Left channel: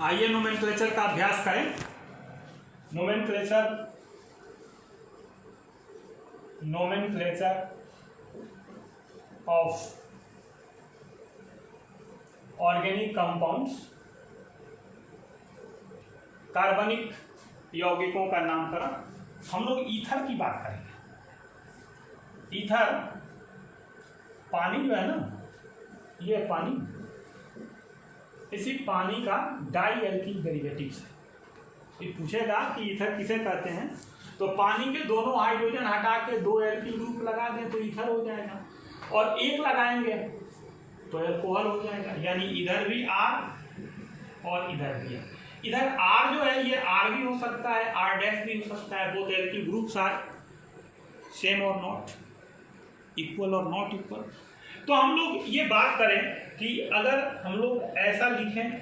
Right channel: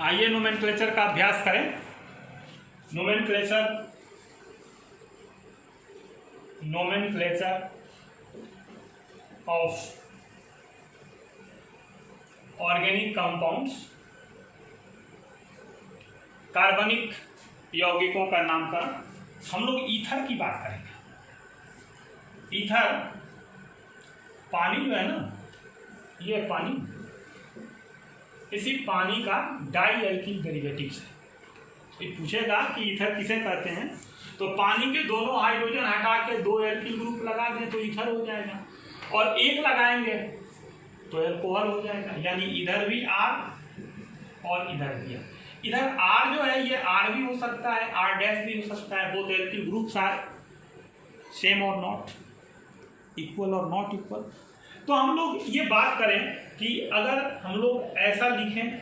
आइए नोमेनक्लेचर का अभ्यास करें। नोमेनक्लेचर ऑफ ऑर्गेनिक कंपाउंड्स, कार्बनिक यौगिकों का नामकरण। हम लोग ईथर की बात करेंगे। ईथर पानी जो है ना, ये पानी, इसी पानी का डाई एल्किल डेरिवेटिव्स है। ये पूछेगा कि ईथर किसे कहते हैं, तो पानी के दोनों हाइड्रोजन हटा के 2 एल्किल ग्रुप लगा दें तो ईथर हो जाएगा, और एक लगाएंगे तो एल्कोहल हो जाएगा। यानी इधर भी R और इधर भी R। इधर R जो है ये R भी हो सकता है, R' भी हो सकता है। Both alkyl groups are same और नॉट इक्वल और नॉट इक्वल। तो हम लोग ये बात करें कि अगर हम लोग ऐसा लिखें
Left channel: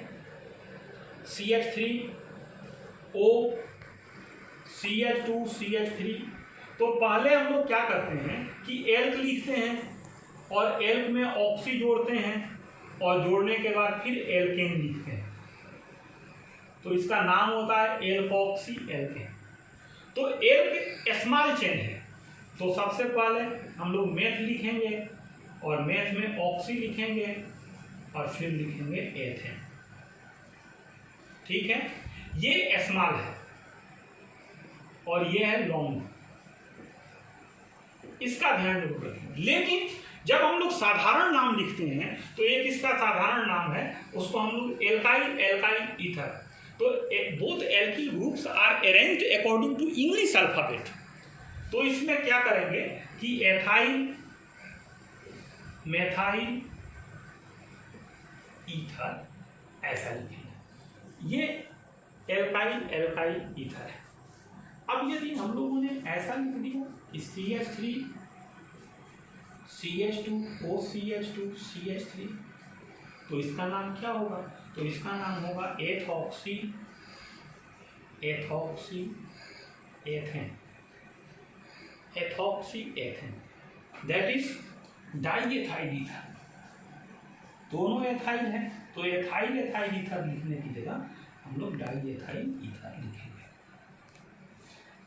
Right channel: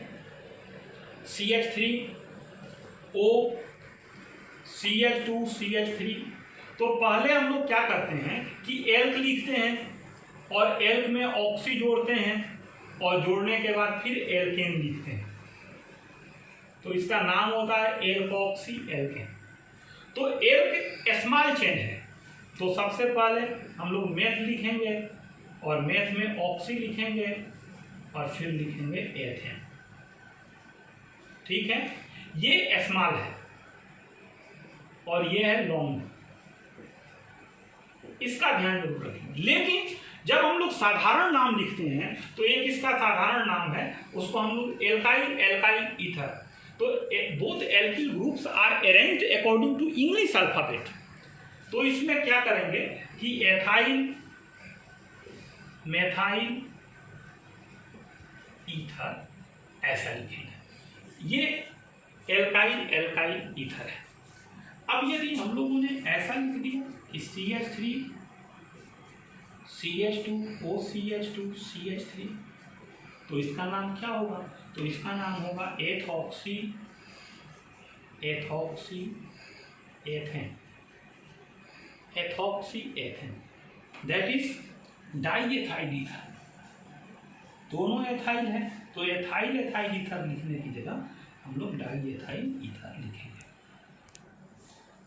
CH3O CH2 CH3, तो पहले हम लोग क्या करते हैं कि एल्क लिखते हैं और एल्क में ऑक्सी जोड़ते हैं और जोड़ने के बाद फिर एल्केन लिखते हैं, तो इसका नाम होता है एल्कोक्सी एल्केन। तो एल्क स्मॉल चेन है, तो सबसे पहले हम लोग मेथ लिखेंगे और मेथ में ऑक्सी लिखेंगे और फिर लिखेंगे एथेन। ठीक है, ये स्मॉल है और ये है लॉन्ग, इसका ध्यान जरूर रखेंगे। लेकिन जब हम लोग साधारण नाम लिखते हैं तो एक इसका साधारण नाम है, उसको हम लोग एल्काइल ईथर। तो both alkyl groups are arranged according to English alphabet. तो इसमें क्या करेंगे कि एथाइल मेथाइल ईथर ऐसा लिखेंगे। ये एल्काइल ईथर है। अब यदि हम लोगों ने ऐसा लिख दिया कि CH3 CH2 OCH2 CH3, तो इसका नाम क्या होगा? तो इसका नाम होगा ethoxy ethane, that is diethyl ether. दोनों एथाइल है, तो एथाइल ईथर लिखने की जगह हम लोग डाईएथाइल ईथर लिखेंगे।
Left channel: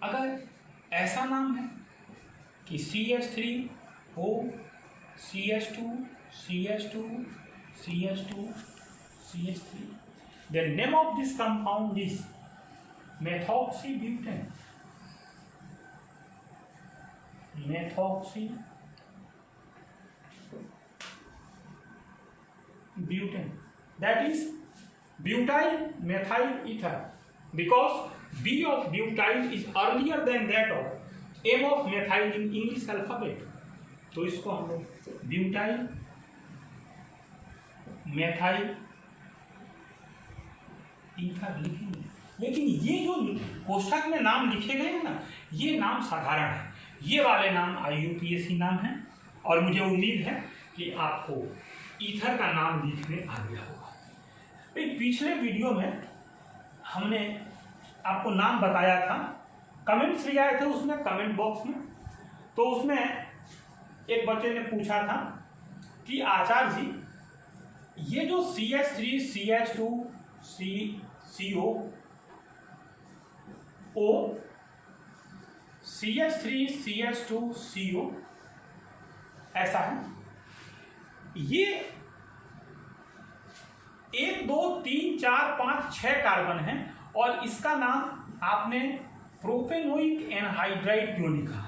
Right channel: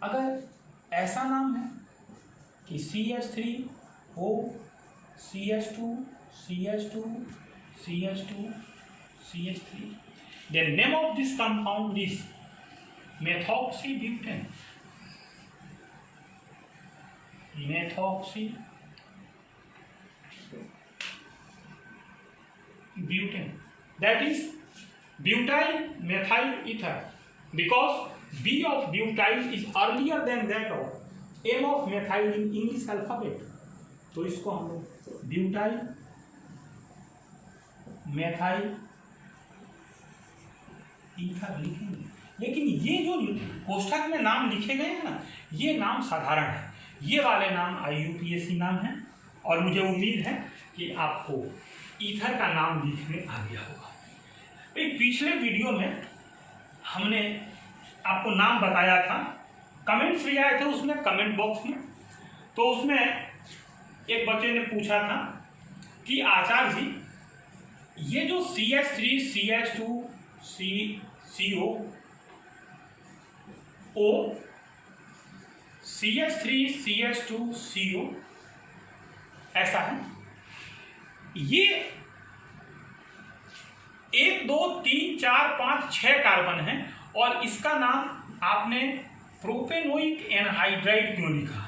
अगर ऐसा नाम है कि CH3O CH2 CH2 CH2 CH3, the name of this compound is methoxybutane. That is butyl methyl ether, because B of butyl is earlier than that of M of methyl in English alphabet. तो इसको हम लोग butyl methyl ether लिखेंगे। लेकिन ये जो कोष्ठक में नाम लिखे गए हैं ना, ये नाम साधारण है। ये वाले नाम IUPAC नाम है, और मुझे उम्मीद है कि आपको ईथर का नाम लिखने आ गया होगा। पिछले वीडियो में हमने आपको नाम बताया था, कमेंट्स भी आए थे उसमें, कमेंट बॉक्स में। तो उसमें एक बच्चे ने पूछा था कि आचार्य जी, ये जो CH3 CH2 CO O CH3 CH2 CO ऐसा है, ये 1 2 3 4 5 6 कार्बन है, और इसका नाम आपने प्रोपेनोइक एनहाइड्राइड क्यों लिखा?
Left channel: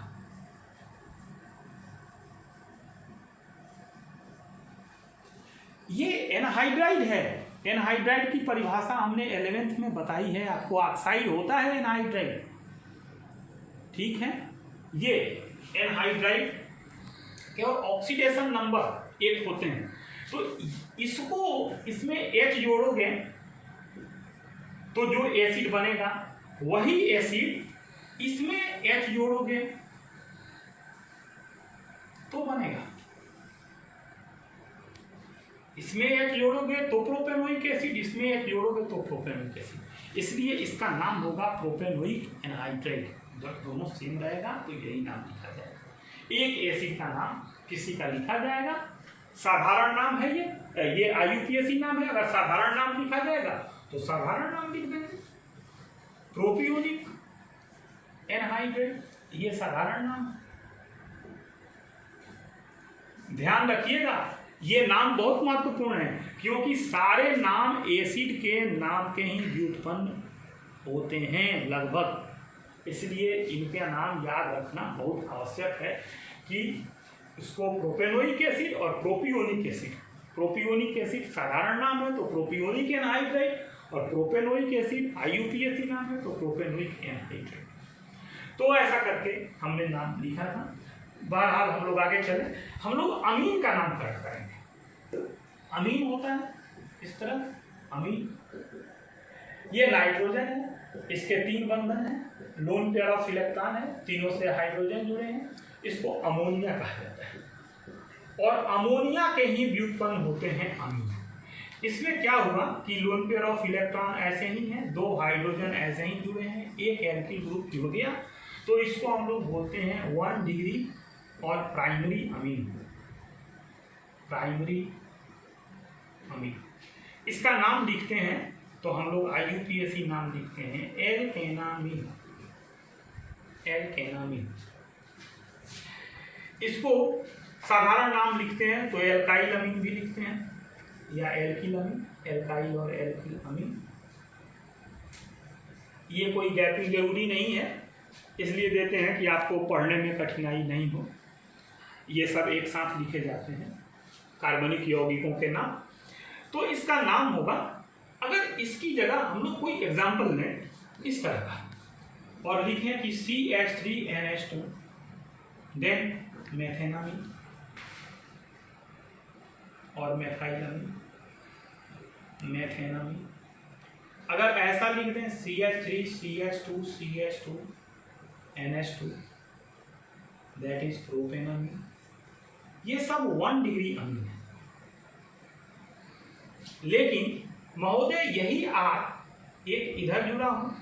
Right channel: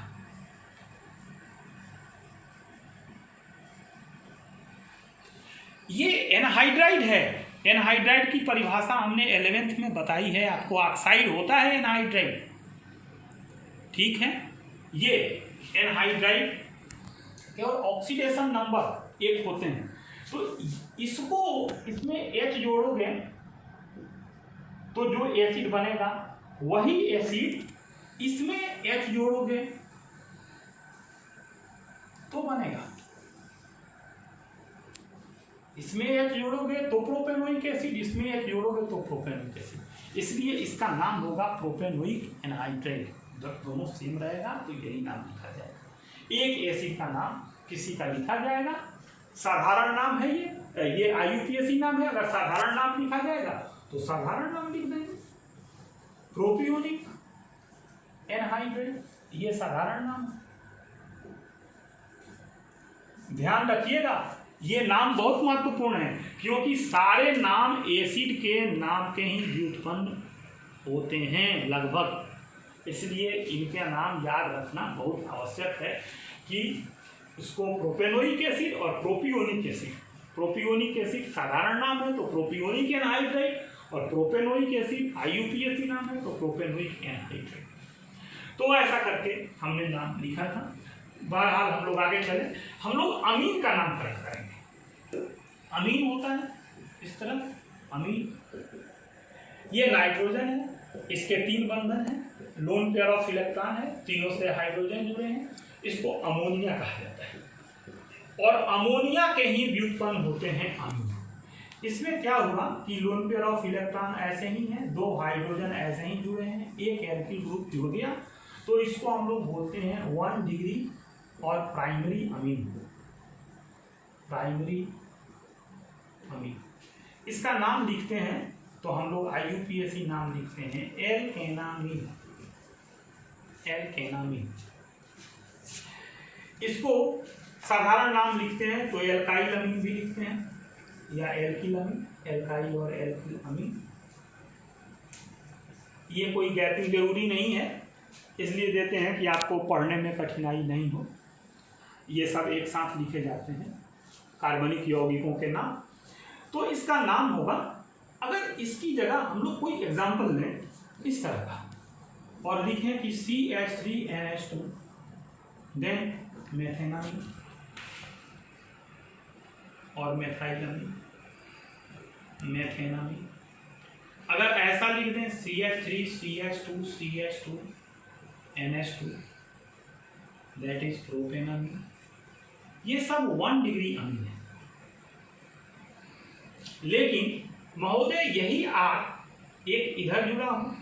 ये एनहाइड्राइड है। एनहाइड्राइड की परिभाषा हमने 11th में बताई है आपको। ऑक्साइड होता है एनहाइड्राइड, ठीक है। ये एनहाइड्राइड के और ऑक्सीडेशन नंबर 1 होते हैं, तो इसको इसमें H जोड़ोगे तो जो एसिड बनेगा वही एसिड इसमें H जोड़ोगे तो बनेगा। इसमें H जोड़ोगे तो प्रोपेनोइक एसिड, इसमें H जोड़ोगे तो प्रोपेनोइक एसिड, इसलिए इसका नाम होगा प्रोपेनोइक एनहाइड्राइड। जब दोनों सेम रहेगा तो यही नाम लिखा जाएगा। एक एसिड का नाम किसी का लिखा जाएगा, साधारण नाम है ये, ये IUPAC नाम है, अगर साधारण नाम लिखा जाएगा तो साधारण नाम लिख देंगे। प्रोपियोनिक एनहाइड्रेट, ये साधारण नाम है। ध्यान रखिएगा, ये नाम बहुत महत्वपूर्ण है, क्योंकि सारे नाम एसिड के नाम के ही व्युत्पन्न होते हैं लगभग, इसलिए इनके नाम याद रखना बहुत आवश्यक है कि इसको प्रोपेनोइक एसिड और प्रोपियोनिक एसिड, प्रोपियोनिक एसिड साधारण नाम है तो प्रोपियोनिक एनहाइड्रेट, और प्रोपेनोइक एसिड IUPAC नाम है तो प्रोपेनोइक एनहाइड्रेट। तो ऐसा करके हमने नाम लिखा था। बहरहाल हम लोग आगे चले, हम लोग अमीन का नाम पढ़ा करेंगे। अमीन होता है इस तरह, अमीन ये नाइट्रोजन है, इसके 3 बंधन हैं, लोन पेयर ऑफ इलेक्ट्रॉन है, तीनों से हाइड्रोजन जुड़े हैं, इसको अमोनिया कहा जाता है। और अमोनिया के ही व्युत्पन्न होते हैं अमीन। इसमें क्या हुआ कि लोन पेयर ऑफ इलेक्ट्रॉन ऐसे ही हैं, 2 हाइड्रोजन ऐसे ही जुड़े हैं, एक एल्किल ग्रुप जुड़ गया, तो इसको हम लोग बोलते हैं 1 डिग्री और प्राइमरी अमीन, प्राइमरी अमीन। इसका नाम लिखते हैं तो हम लोग IUPAC नाम लिखते हैं एल्केनामीन, एल्केनामीन। इसको साधारण नाम लिखते हैं तो एल्काइल अमीन भी लिखते हैं, या एल्किल अमीन, एल्काइल और एल्किल अमीन। ये कोई गैपिंग जरूरी नहीं है, इसलिए देते हैं कि आपको पढ़ने में कठिनाई नहीं हो। ये सब एक साथ लिखे जाते हैं कार्बनिक यौगिकों के नाम। तो इसका नाम होगा, अगर इसकी जगह हम लोग कोई एग्जाम्पल लें इस तरह का और लिखें कि CH3NH2 देन मेथेनामीन और मेथाइलामीन, मेथेनामीन। अगर ऐसा लिख दें CH3 CH2 CH2 NH2 that is प्रोपेनामीन, ये सब 1 डिग्री अमीन है। लेकिन महोदय यही R एक इधर जुड़ा हो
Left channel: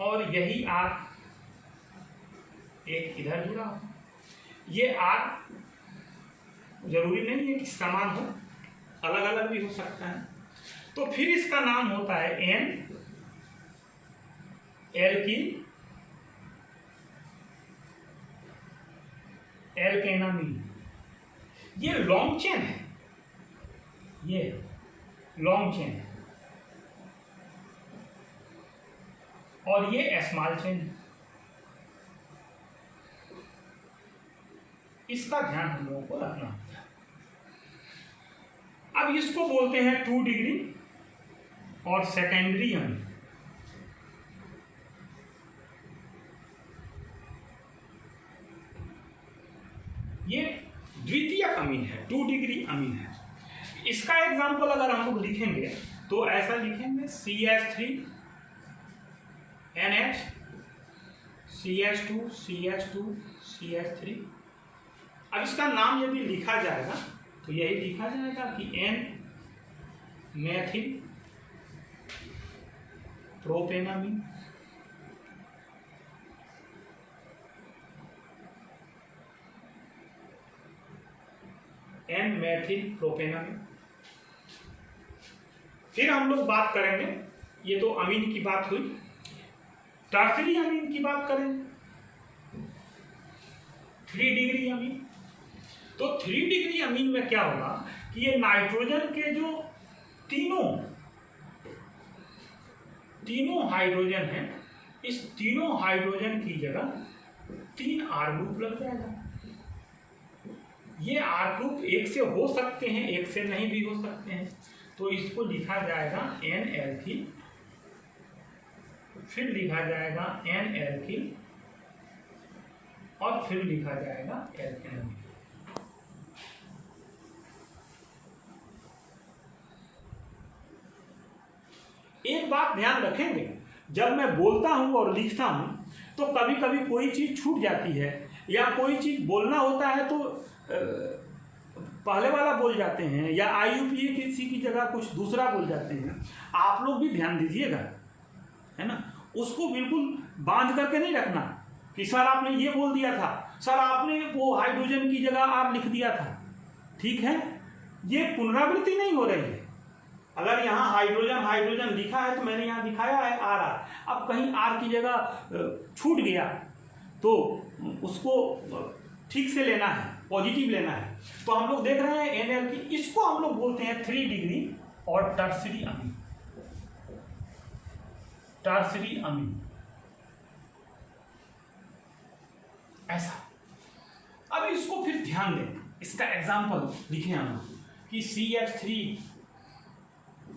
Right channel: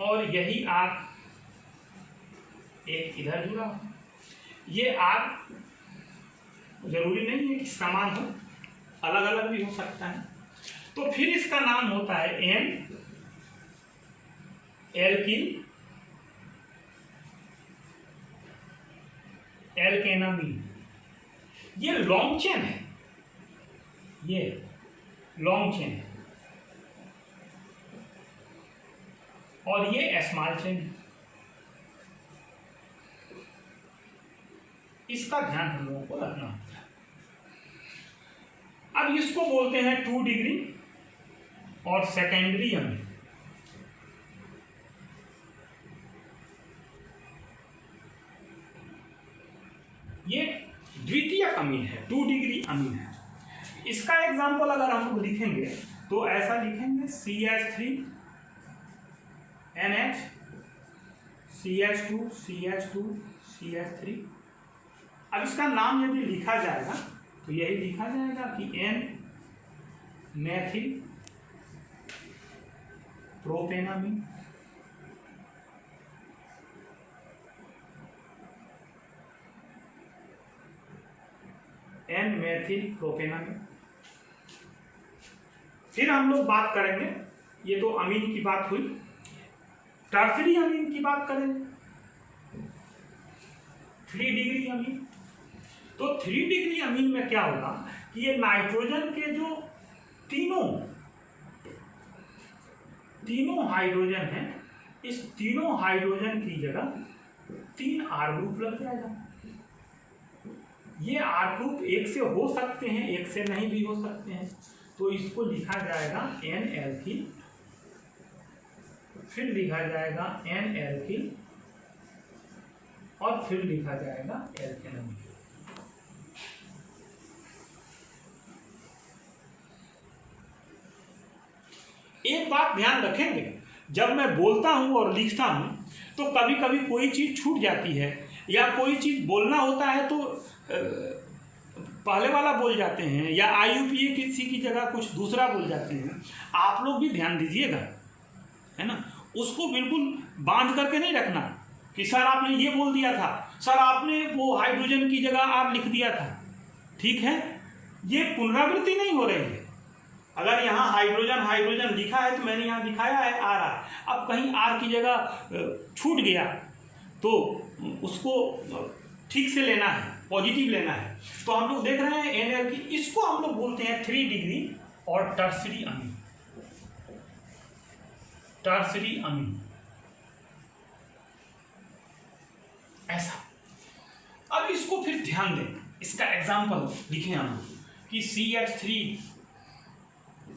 और यही R एक इधर जुड़ा हो, ये R जरूरी नहीं है कि समान हो, अलग अलग भी हो सकता है। तो फिर इसका नाम होता है N एल्किल एल्केनामीन। ये लॉन्ग चेन है, ये लॉन्ग चेन है, और ये स्मॉल चेन है। इसका ध्यान हम लोगों को रखना होता है। अब इसको बोलते हैं 2 डिग्री और सेकेंडरी अमीन। ये द्वितीय अमीन है, 2 डिग्री अमीन है। इसका एग्जाम्पल अगर हम लोग लिखेंगे तो ऐसा लिखेंगे CH3NH CH2 CH2 CH3। अब इसका नाम यदि लिखा जाएगा तो यही लिखा जाएगा कि N मैथिल प्रोपेनामीन, N मैथिल प्रोपेनामीन। फिर हम लोग बात करेंगे, ये तो अमीन की बात हुई, टर्सरी अमीन की बात करेंगे, 3 डिग्री अमीन। तो 3 डिग्री अमीन में क्या होगा कि ये नाइट्रोजन के जो तीनों हाइड्रोजन हैं, इस तीनों हाइड्रोजन की जगह 3 R ग्रुप लग जाएगा। ये R ग्रुप एक से हो सकते हैं, एक से नहीं भी हो सकते हैं, तो इसको लिखा जाएगा N एल्किल, फिर लिखा जाएगा N एल्किल, और फिर लिखा जाएगा एल्केनामीन। एक बात ध्यान रखेंगे, जब मैं बोलता हूं और लिखता हूं तो कभी कभी कोई चीज छूट जाती है, या कोई चीज बोलना होता है तो पहले वाला बोल जाते हैं, या IUPAC किसी की जगह कुछ दूसरा बोल जाते हैं। आप लोग भी ध्यान दीजिएगा, है ना। उसको बिल्कुल बांध करके नहीं रखना कि सर आपने ये बोल दिया था, सर आपने वो हाइड्रोजन की जगह आप लिख दिया था, ठीक है, ये पुनरावृत्ति नहीं हो रही है। अगर यहाँ हाइड्रोजन हाइड्रोजन लिखा है तो मैंने यहाँ दिखाया है आर आर, अब कहीं आर की जगह छूट गया तो उसको ठीक से लेना है, पॉजिटिव लेना है। तो हम लोग देख रहे हैं एनएल की, इसको हम लोग बोलते हैं 3 डिग्री और टर्सरी अमीन, टर्सरी अमीन ऐसा। अब इसको फिर ध्यान दें, इसका एग्जाम्पल लिखें हम कि CH3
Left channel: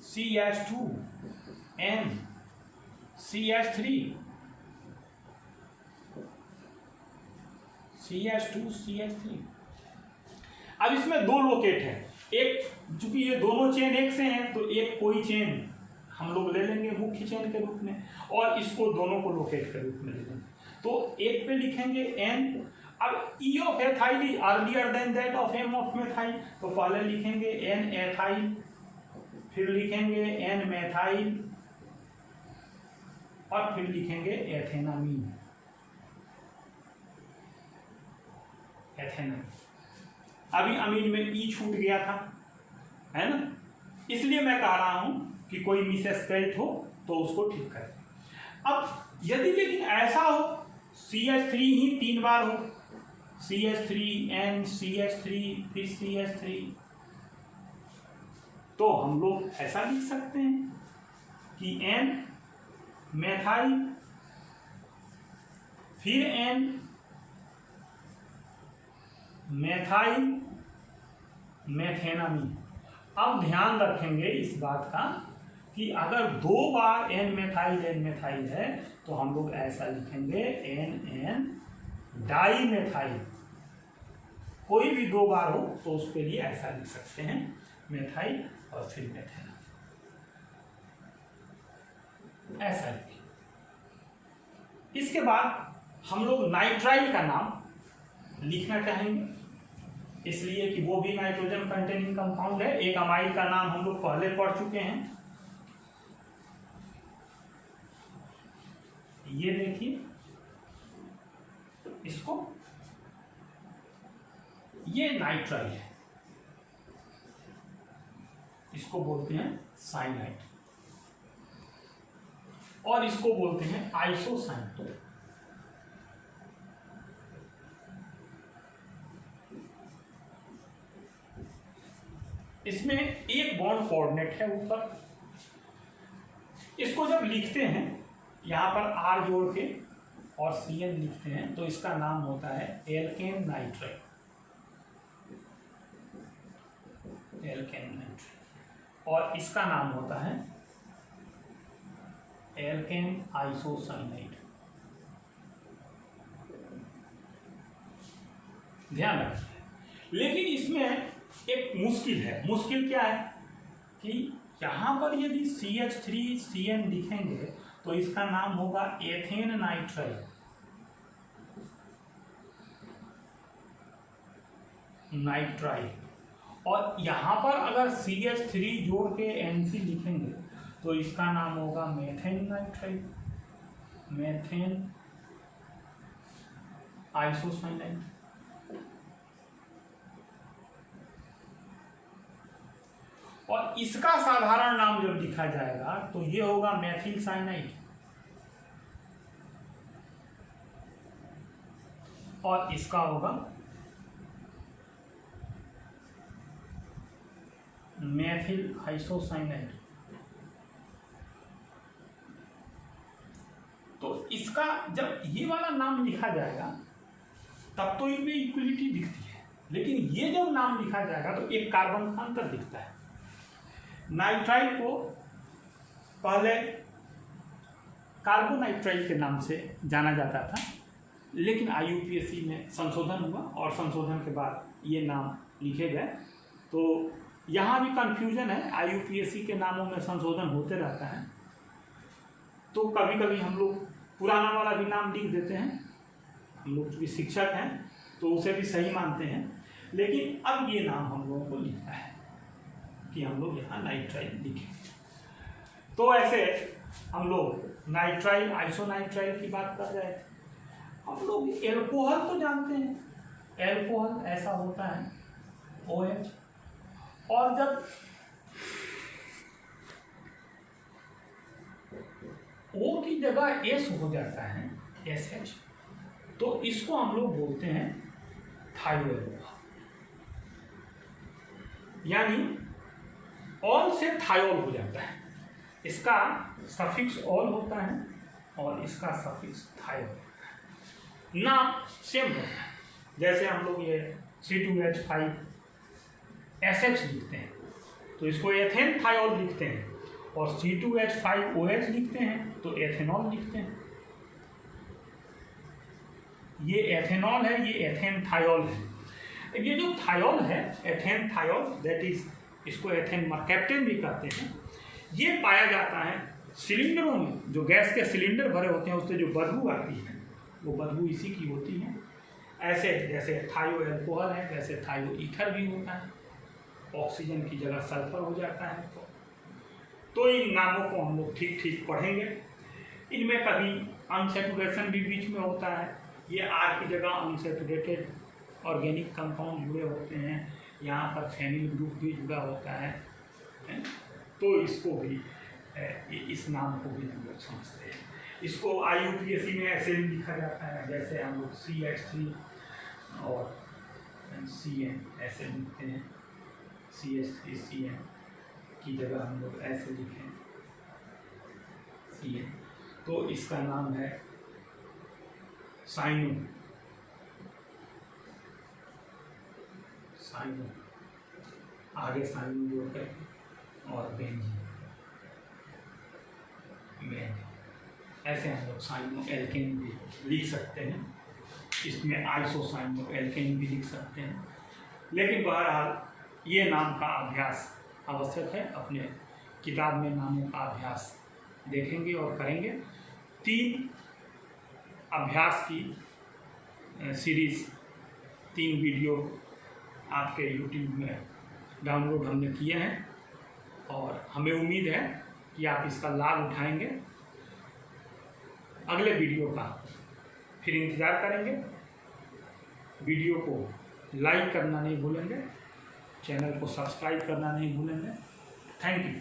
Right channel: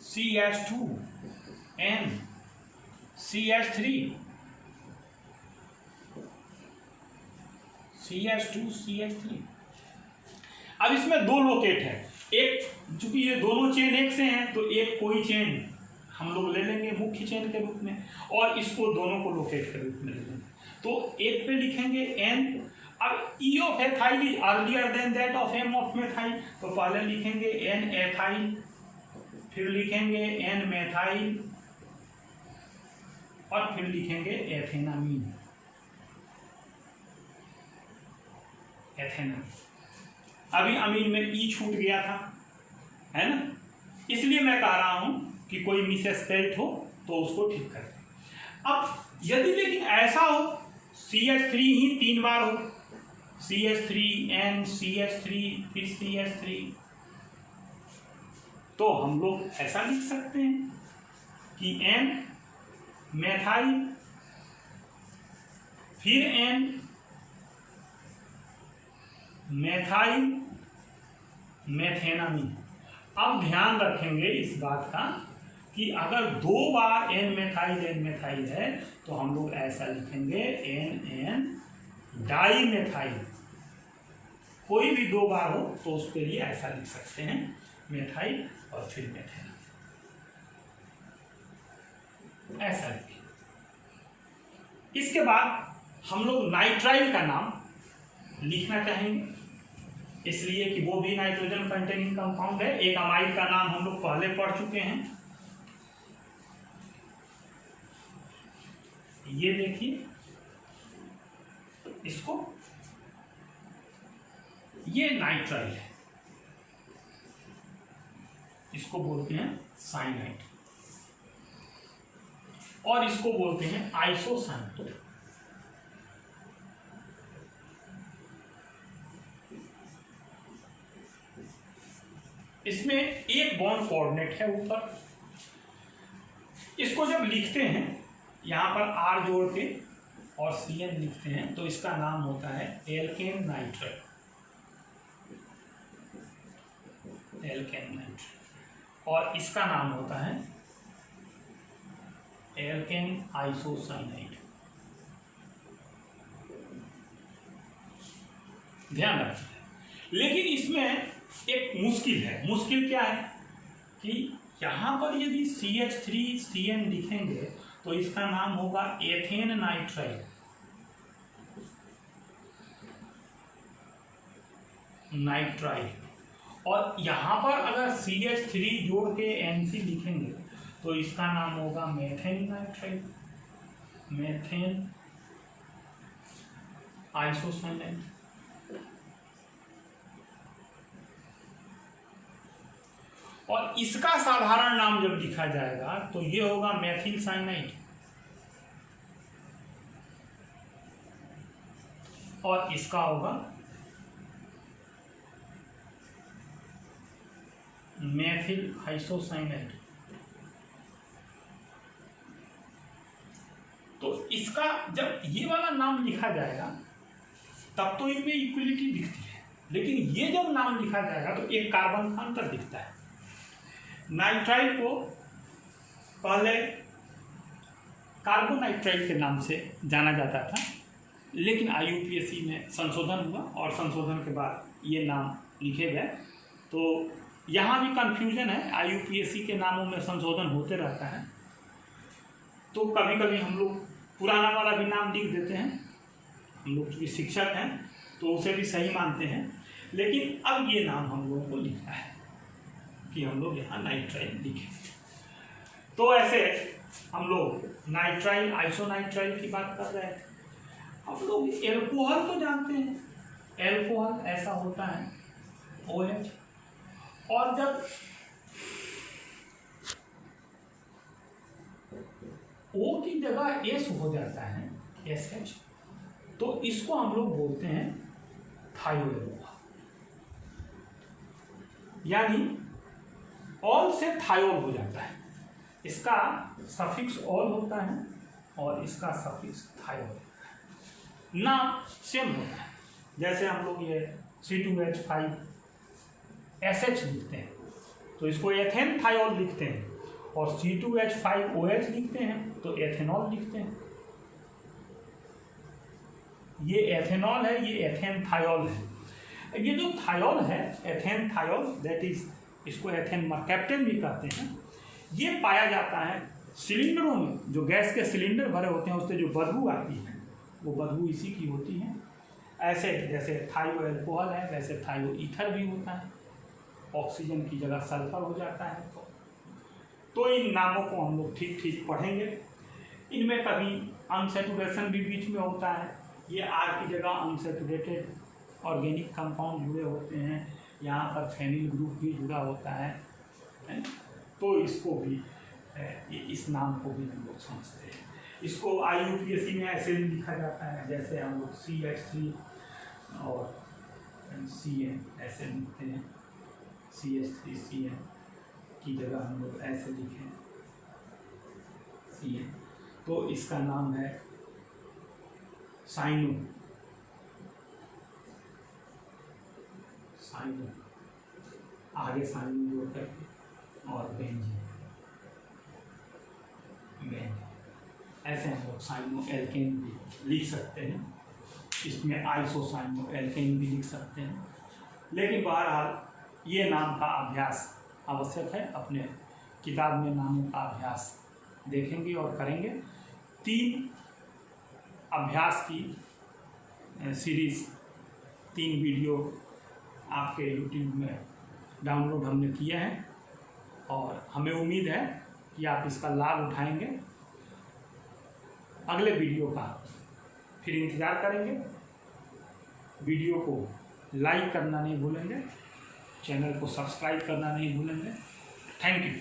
CH2 N CH3 CH2 CH3। अब इसमें 2 लोकेट है, एक चूंकि ये दोनों चेन एक से हैं तो एक कोई चेन हम लोग ले लेंगे मुख्य चेन के रूप में, और इसको दोनों को लोकेट के रूप में ले लेंगे। तो एक पे लिखेंगे N। अब E of ethyl is earlier than that of M of methyl, तो पहले लिखेंगे N एथाइल, फिर लिखेंगे N मेथाइल, और फिर लिखेंगे एथेनामीन, एथेनामीन। अभी अमीन में E छूट गया था, है ना, इसलिए मैं कह रहा हूं कि कोई मिसस्पेल्ड हो तो उसको ठीक करें। अब यदि लेकिन ऐसा हो CH3 ही 3 बार हो, CH3 N CH3 फिर CH3, तो हम लोग ऐसा लिख सकते हैं कि N मेथाइल फिर N मेथाइल मेथेनामीन। अब ध्यान रखेंगे इस बात का कि अगर 2 बार N मेथाइल है तो हम लोग ऐसा लिखेंगे NN डाई मेथाइल। कोई भी 2 बार हो तो उसके लिए ऐसा लिख सकते हैं मेथाइल और फिर मेथेनामीन, ऐसा लिखें। इसके बाद हम लोग नाइट्राइल का नाम लिखना चाहेंगे, इसलिए कि वो भी नाइट्रोजन कंटेनिंग कंपाउंड है। एक अमाइड का नाम हम लोग पहले पढ़ चुके हैं, ये देखिए इसको, ये नाइट्राइल है, इसको बोलते हैं साइनाइड, और इसको बोलते हैं आइसोसाइनाइड। इसमें एक बॉन्ड कोऑर्डिनेट है ऊपर। इसको जब लिखते हैं यहां पर R जोड़ के और CN लिखते हैं तो इसका नाम होता है एल्केन नाइट्राइल, एल्केन नाइट्राइल, और इसका नाम होता है एल्केन आइसोसाइनाइड। ध्यान रखिए। लेकिन इसमें एक मुश्किल है। मुश्किल क्या है कि यहां पर यदि CH3CN लिखेंगे तो इसका नाम होगा एथेन नाइट्राइल, नाइट्राइल, और यहां पर अगर CH3 जोड़ के NC लिखेंगे तो इसका नाम होगा मेथेन नाइट्राइल, मेथेन आइसोसाइनाइड। और इसका साधारण नाम जब लिखा जाएगा तो ये होगा मेथिल साइनाइड, और इसका होगा मेथिल आइसोसाइनाइड। तो इसका जब ये वाला नाम लिखा जाएगा तब तो इनमें इक्वलिटी दिखती है, लेकिन ये जब नाम लिखा जाएगा तो एक कार्बन का अंतर दिखता है। नाइट्राइल को पहले कार्बोनाइट्राइल के नाम से जाना जाता था, लेकिन IUPAC में संशोधन हुआ और संशोधन के बाद ये नाम लिखे गए। तो यहाँ भी कंफ्यूजन है, IUPAC के नामों में संशोधन होते रहता है, तो कभी कभी हम लोग पुराना वाला भी नाम लिख देते हैं। हम लोग चूँकि शिक्षक हैं तो उसे भी सही मानते हैं, लेकिन अब ये नाम हम लोगों को लिखना है कि हम लोग यहाँ नाइट्राइल लिखें। तो ऐसे हम लोग नाइट्राइल आइसोनाइट्राइल की बात कर रहे थे। हम लोग एल्कोहल को जानते हैं। एल्कोहल ऐसा होता है OH, और जब O की जगह S हो जाता है SH, तो इसको हम लोग बोलते हैं थायोल, यानी ऑल से थायोल हो जाता है। इसका सफिक्स ऑल होता है और इसका सफिक्स थायोल। नाम सेम होता है, जैसे हम लोग ये C2H5SH लिखते हैं तो इसको एथेन थायोल लिखते हैं, और C2H5OH लिखते हैं तो एथेनॉल लिखते हैं। ये एथेनॉल है, ये एथेन थायोल है। ये जो थायोल है, एथेन थायोल, दैट इज, इसको एथेन मर्कैप्टन भी कहते हैं। ये पाया जाता है सिलेंडरों में, जो गैस के सिलेंडर भरे होते हैं उससे जो बदबू आती है वो बदबू इसी की होती है। ऐसे जैसे थायो एल्कोहल है, जैसे थायो ईथर भी होता है, ऑक्सीजन की जगह सल्फर हो जाता है। तो इन नामों को हम लोग ठीक ठीक पढ़ेंगे। इनमें कभी अनसैचुरेशन भी बीच में होता है, ये आर की जगह अनसैचुरेटेड ऑर्गेनिक कंपाउंड जुड़े होते हैं, यहाँ पर फेनिल ग्रुप भी जुड़ा होता है, तो इसको भी इस नाम को भी हम लोग समझते हैं। इसको IUPAC में ऐसे भी लिखा जाता है, जैसे हम लोग CH3 और CN ऐसे लिखते हैं, CH3CN की जगह हम लोग ऐसे लिखें CN, तो इसका नाम है साइनो, साइनो, आगे साइनो जोड़ करके और बेंजीन, ऐसे हम लोग साइनो एल्केन भी लिख सकते हैं। इसमें आइसोसाइनो एल्केन भी लिख सकते हैं। लेकिन बहरहाल ये नाम का अभ्यास आवश्यक है, अपने किताब में नामों का अभ्यास देखेंगे और करेंगे। 3 अभ्यास की सीरीज़, 3 वीडियो आपके YouTube में डाउनलोड हमने किए हैं और हमें उम्मीद है कि आप इसका लाभ उठाएंगे। अगले वीडियो का फिर इंतज़ार करेंगे। वीडियो को लाइक करना नहीं भूलेंगे, चैनल को सब्सक्राइब करना नहीं भूलेंगे। Thank you.